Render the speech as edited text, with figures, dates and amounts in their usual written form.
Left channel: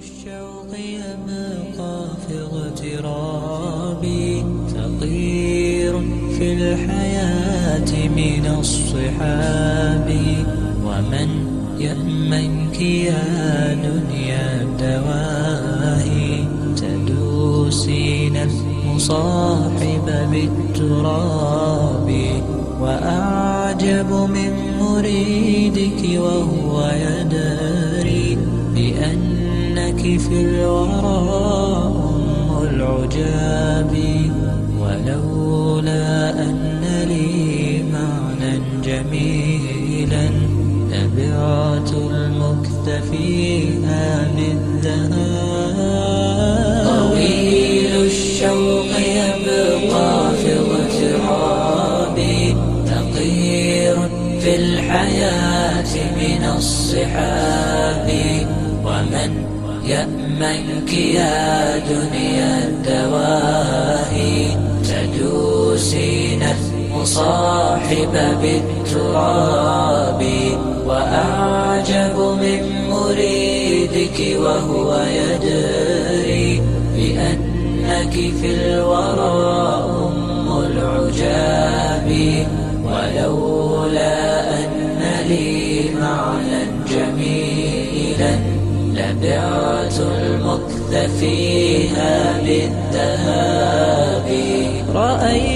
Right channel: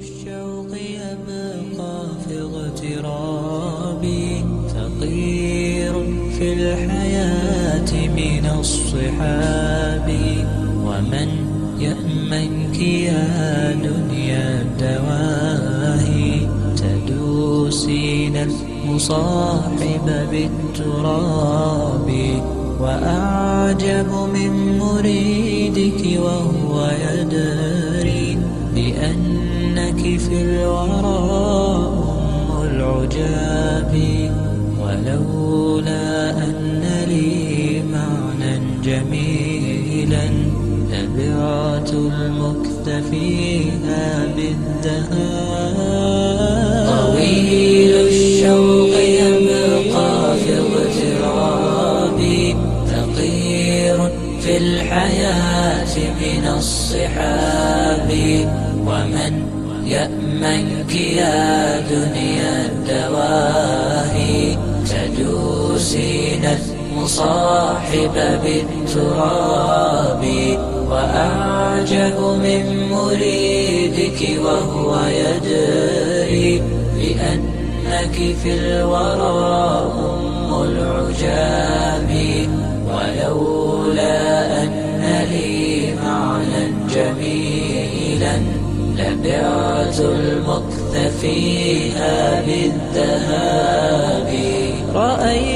الشوق يبقى في اغترابي، فقير في الحياة من الصحاب. ومن يأمنك يا دنيا الدواهي، تدوسين المصاحب بالتراب. وأعجب من مريدك وهو يدري بأنك في الورى أم العجاب. ولولا أن لي معنى جميلا لبعت المكث فيها بالذهاب. طويل الشوق يبقى في اغترابي، فقير في الحياة من الصحاب. ومن يأمنك يا دنيا الدواهي، تدوسين المصاحب بالتراب. وأعجب من مريدك وهو يدري بأنك في الورى أم العجاب. ولولا أن لي معنى جميلا لبعت المكث فيها بالذهاب. رأيت